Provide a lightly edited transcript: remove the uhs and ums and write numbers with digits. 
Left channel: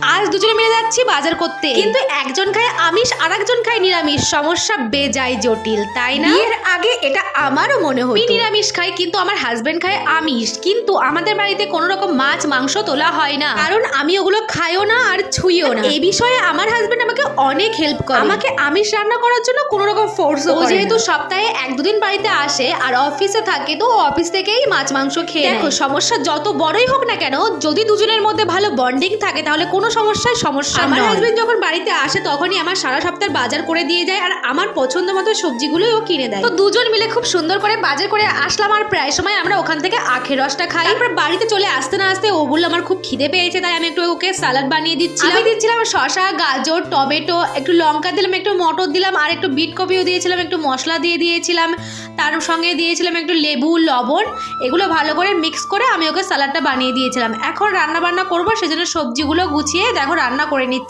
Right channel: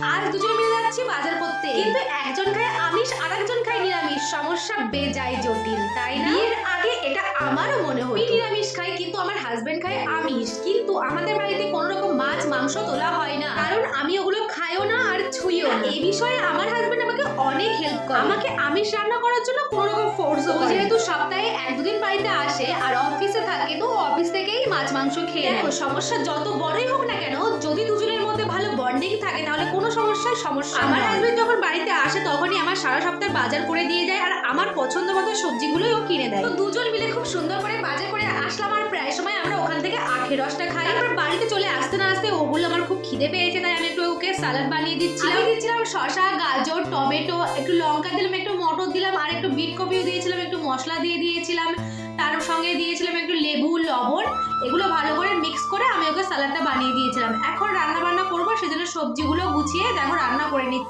আজ দুজনে মিলে যাচ্ছি বাজার করতে, কিন্তু একজন খায় আমিষ আর একজন খায় নিরামিষ। সমস্যা বেজায় জটিল, তাই না? এর আগে এটা আমারও মনে হতো। আমি নিরামিষ খাই, কিন্তু আমার হাজবেন্ড খায় আমিষ। কিন্তু আমাদের বাড়িতে কোনো রকম মাছ মাংস তোলা হয় না, কারণ আমি ওগুলো খাইও না আর ছুঁইও না। এই বিষয়ে আমার হাজবেন্ড আমাকে অনেক হেল্প করে। আমাকে আমিষ রান্না করার জন্য কোনো রকম ফোর্সও করে না। ও যেহেতু সপ্তাহে 1-2 দিন বাড়িতে আসে আর অফিসে থাকে, তো অফিস থেকেই মাছ মাংস খেয়ে নেয়। সমস্যা যত বড়ই হোক না কেন, যদি দুজনের মধ্যে ভালো বন্ডিং থাকে তাহলে কোনো সমস্যা আমার হাজবেন্ড যখন বাড়িতে আসে তখনই আমার সারা সপ্তাহের বাজার করে দিয়ে যায়, আর আমার পছন্দ মতো সবজিগুলোও কিনে দেয়। তো দুজন মিলে খুব সুন্দর করে বাজার করে আসলাম, আর প্রায় সময় আমরা ওখান থেকে আখের রসটা খাই। তারপর বাড়িতে চলে আসতে না আসতে ও বলল আমার খুব খিদে পেয়েছে, তাই আমি একটু ওকে সালাদ বানিয়ে দিচ্ছিলাম। শসা, গাজর, টমেটো, একটু লঙ্কা দিলাম, একটু মটর দিলাম, আর একটু বিট কপিও দিয়েছিলাম, একটু মশলা দিয়ে দিয়েছিলাম, তার সঙ্গে দিয়েছিলাম একটু লেবু, লবণ। এগুলো ভালো করে মিক্স করে আমি ওকে সালাডটা বানিয়ে দিয়েছিলাম। এখন রান্না বান্না করবো, সেজন্য সবজিগুলো গুছিয়ে দেখো রান্না করে নিচ্ছি।